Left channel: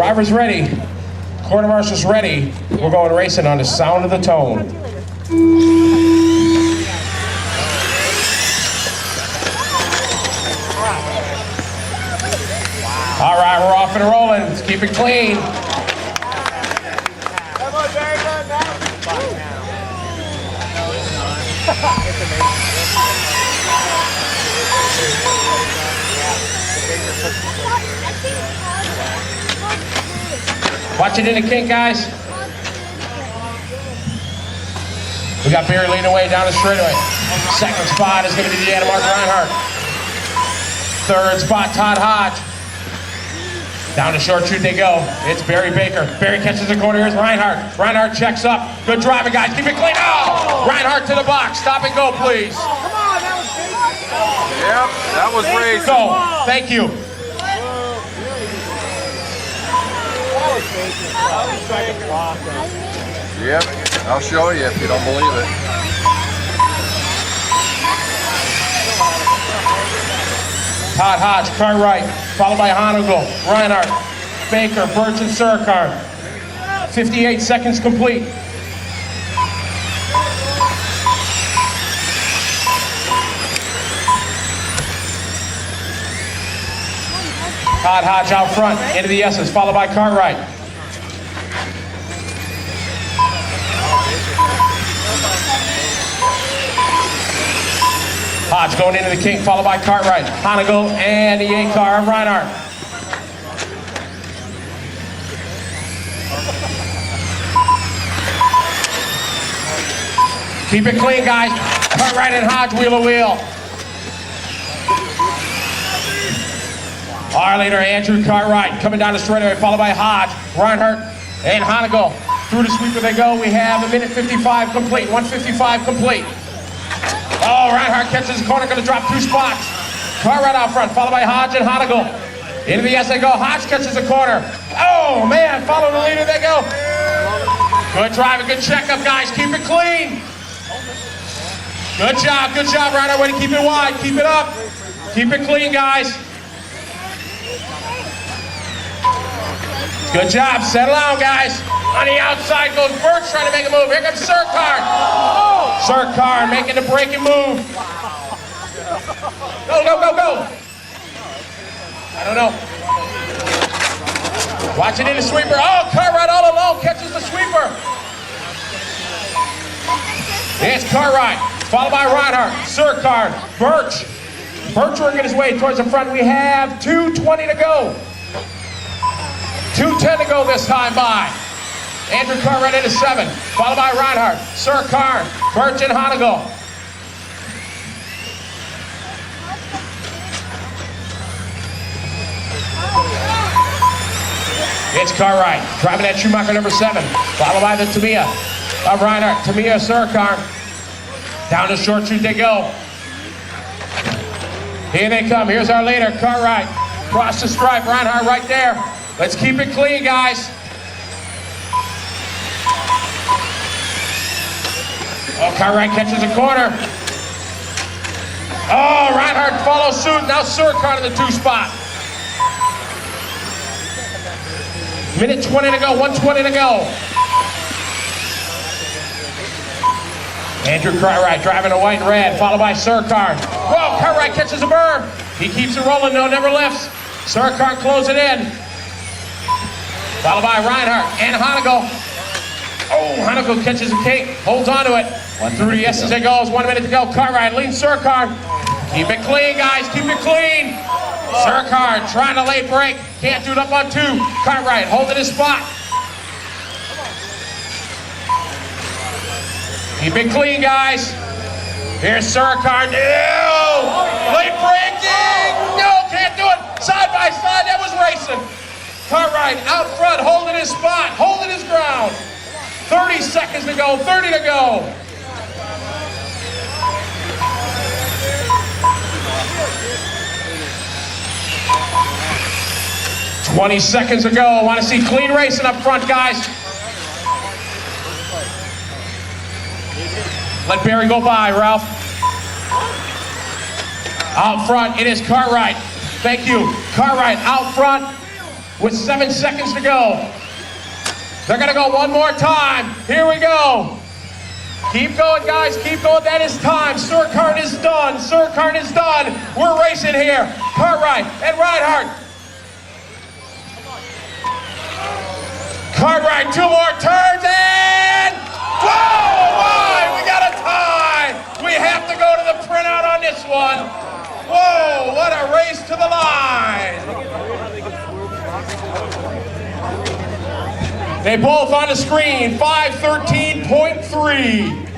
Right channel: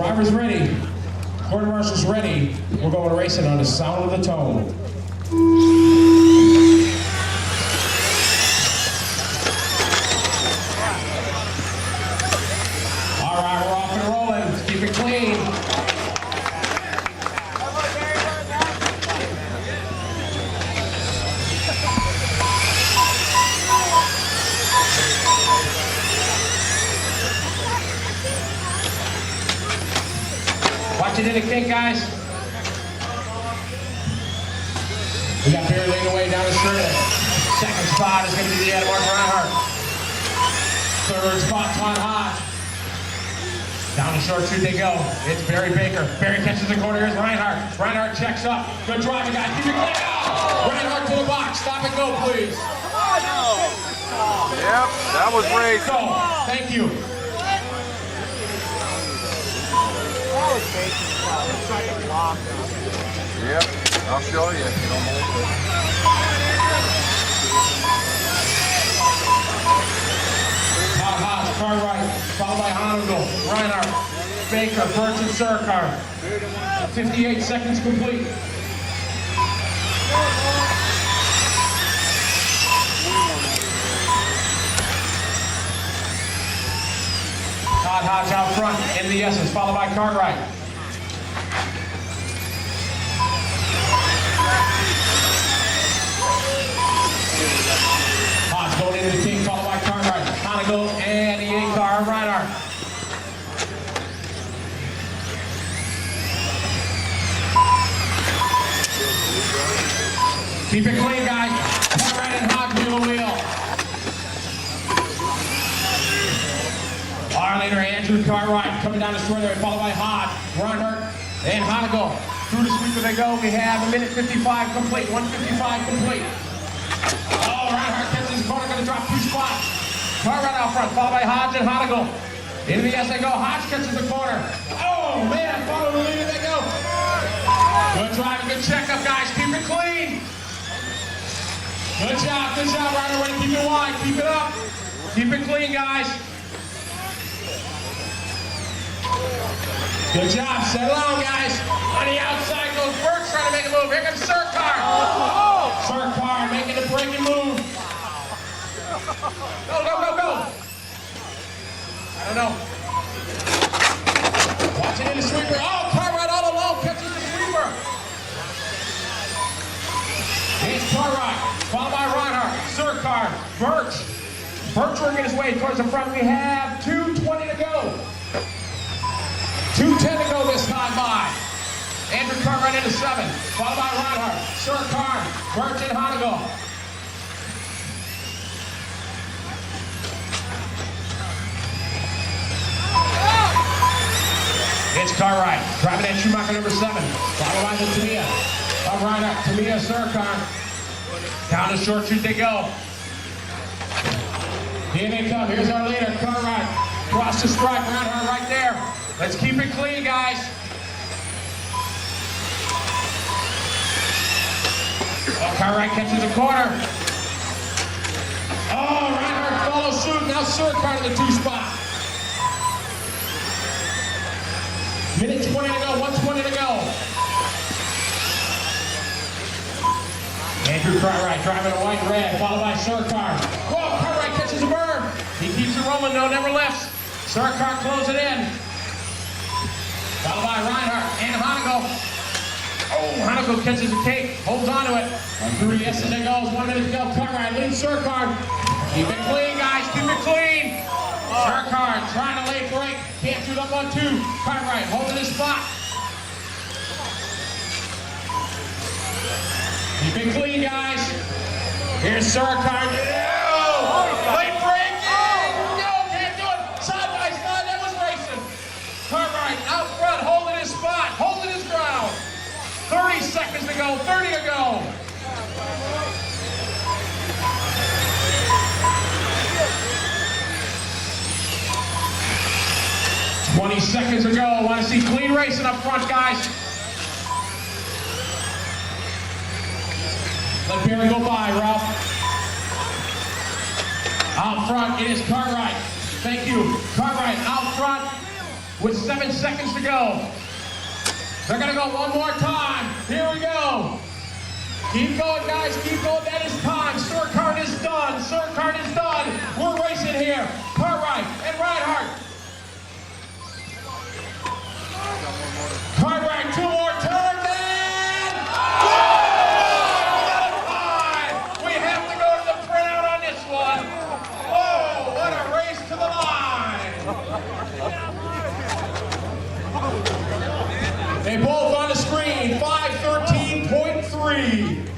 Driver's ready. Quarter marshal's ready. We're going racing on the sound of the tone. All right, we're off and rolling. Let's keep it clean. Watch it in the kink, guys. We got Barry leading away down the straightaway. Second spot is going to be the Animal Reinhardt. Third spot, Todd Hodge. Down the short shoot they go. It's Barry Baker. Barry catches the corner. Here's Reinhardt. Reinhardt checks up. Good driving, guys. Keep it clean. Oh! Reinhardt to the box. Stop and go, please. Go. Thank you. Yep, I'll show you if you don't believe it. Todd Hodge, car right, followed by Honigal, Reinhardt, Baker, Burns, and Surkar. 58 seconds complete. Todd Hodge out front, into the S's, followed by Cartwright. Hodge going into the kink, followed by Cartwright. Honigal and the A-car and Reinhardt. Keep it clean, guys. Cartwright and Hodge wheel to wheel. Our leader, Andrew Cartwright, coming down the straightaway, followed by Hodge, Reinhardt, and Honigal. Through the sweeper they go. We have a minute 55 complete, 1:55 complete. Oh, Reinhardt catches the corner, going to drop 2 spots. Cartwright out front, followed by Hodge and Honigal. Into the S they go. Hodge catches the corner. Oh, man, follow the leader they go. Good driving, good checkup, guys. Keep it clean. Good job, Reinhardt. Way to keep it wide. Keep it up. Keep it clean, guys. Good job. Settle down, guys. On the outside goes Burks trying to make a move. Here comes Surkar. Surkar making the breaking move. Go, go, go, go. I don't know. Watching in the sweeper. Oh, Cartwright all alone catches the sweeper. It's Cartwright, followed by Reinhardt, Surkar, Birch. Birch working his way towards the front. We have 2:20 to go. 2:10 to go this time by. Andrew Cartwright into 7, followed by Reinhardt, Surkar, Birch, and Honigal. It's Cartwright, driving that Schumacher number 7, followed by the Tamiya of Reinhardt, Tamiya, Surkar. Down the short shoot they go. Here they come, here's our leader, Cartwright. Cross the stripe, Reinhardt right there. Let's keep it clean, guys. Oh, Cartwright catches the corner. Oh, Reinhardt follows suit. Now Surkar to the 2 spot. Minute 20 to go, 1:20 to go. Andrew Cartwright driving a white and red, followed by Surkar. Whoa, Cartwright catches a burn. He keeps it rolling, no, never lifts. Surkar closing in. Followed by Reinhardt and Honigal. Oh, Honigal catches a cake, holds on to it. Through the S's it goes, 1 minute to go. Cartwright leads Surkar. Keep it clean, guys, keep it clean. Surkar trying to late break. Can't do it up on 2. Cartwright holding his spot. Keep it clean, guys. Here's Surkar. No! Late break, no, can't do it. Side by side, that was racing. Cartwright out front, holding his spot, holding his ground. 30 seconds to go, 30 to go. $20 seconds to go. I want to see clean racing up front, guys. Let Barry go by, Ralph. Out front, it is Cartwright. Thank you. Cartwright out front. with 7 seconds to go. They're gonna go one more time. Here we go. Keep going, guys, keep going. That is time. Surkart is done. Surkart is done. We're racing here. Cartwright and Reinhardt. Cartwright, 2 more turns and whoa! Why? We got a tie. We have to go to the printout on this one. Whoa! What a race to the line. They both on the screen. 5:13.3.